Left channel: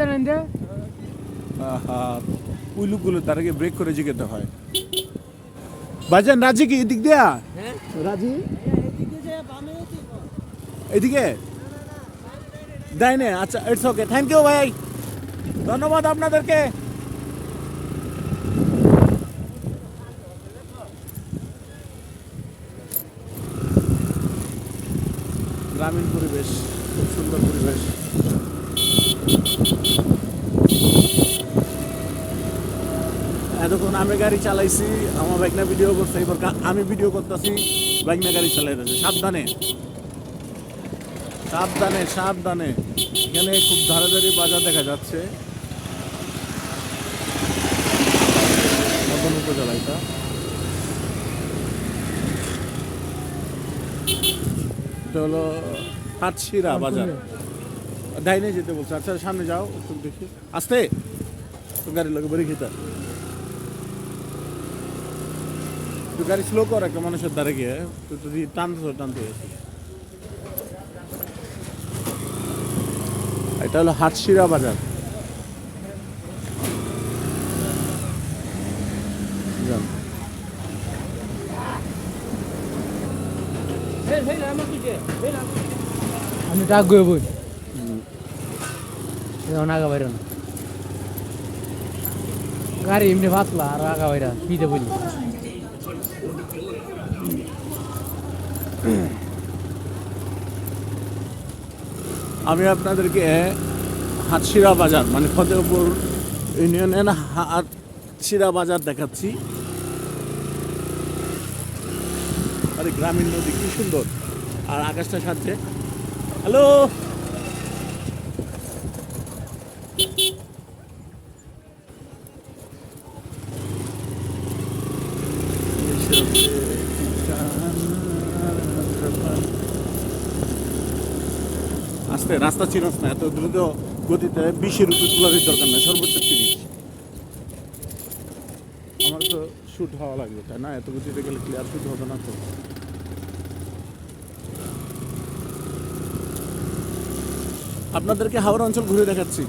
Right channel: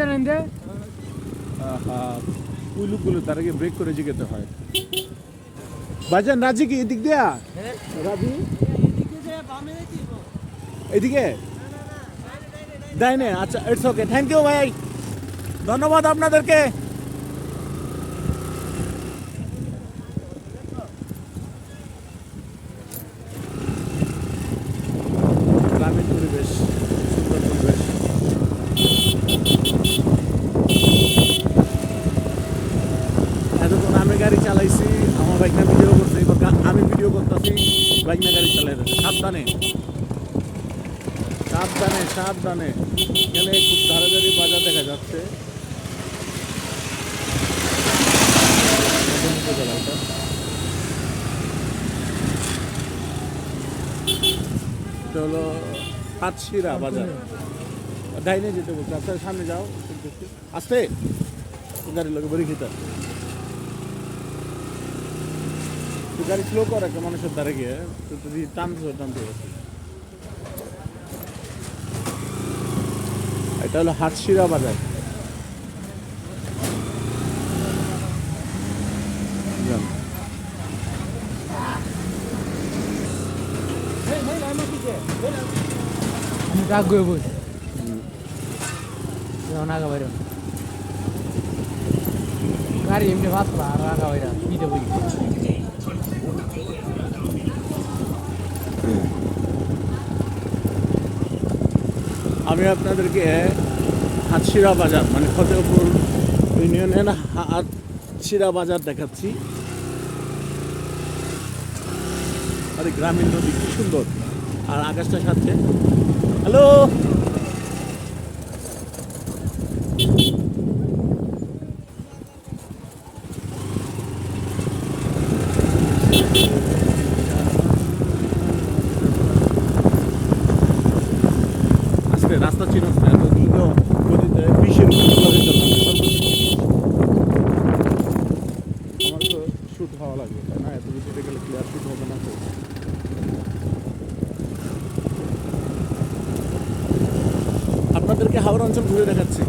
জানেন তার আগে ব্রেক করে জিগাতে হয়। রাজি কি এদিক দিয়া? রাজি? এদিকে? ডাইনে আচ্ছা ইটস ওকে থ্যাংক ইউ ভাই। ধন্যবাদ আপনাদেরকে। গ্রামীণ পরিবেশ সুন্দর পরিবেশ। এতক্ষণ আমি গাড়ি চালাইছি, আমার বাইক না ভিডিও করছে এবার আমি ভিডিও করতেছি বাইক না গাড়ি চালাই যাচ্ছে সাবধানে। সাবধানে সাবধানে। এখানে খুব ধারে ধারে বাজার দেখা যাচ্ছে। হলো হাটশিরা বাজার। ডাইনে যেতে বলছে। আচ্ছা সামনে যাও দেখি। আসতে! গাড়ি লোক বেরিয়ে খেতে তুই গাড়ি স্লো কর একটা মানুষের দ্বারে গিয়ে তুই যদি টানতে টানতে গেছে এটা হলো হাটশিরা বাজার। আমি ডাক গয়ে বই আগা বাইর গাড়ি এমনি ভাসলা আর আগা বাইরা পিঠে বলি আমি আপনাদেরকে হাটশিরা বাজার মানে ফতেহপুর ইউনিয়নের হাটশিরা বাজার দেখাচ্ছি। আরে গ্রামীণ নদী, কি সুন্দর। আর আকাশটা সাথে। হ্যালো! আস্তে রাস্তা ছিল আস্তে এত দ্রুত গতিতে বিশের উপর চলার দরকার নেই সর্বোচ্চ তিরিশ আমার তো শুট হওয়া লাগবে, তাই না? এত গতিতে গেলে ক্লিয়ার শুট হবে না তো? আপনাদেরকে হাওড়া অঞ্চল ঘুরে দেখাচ্ছি।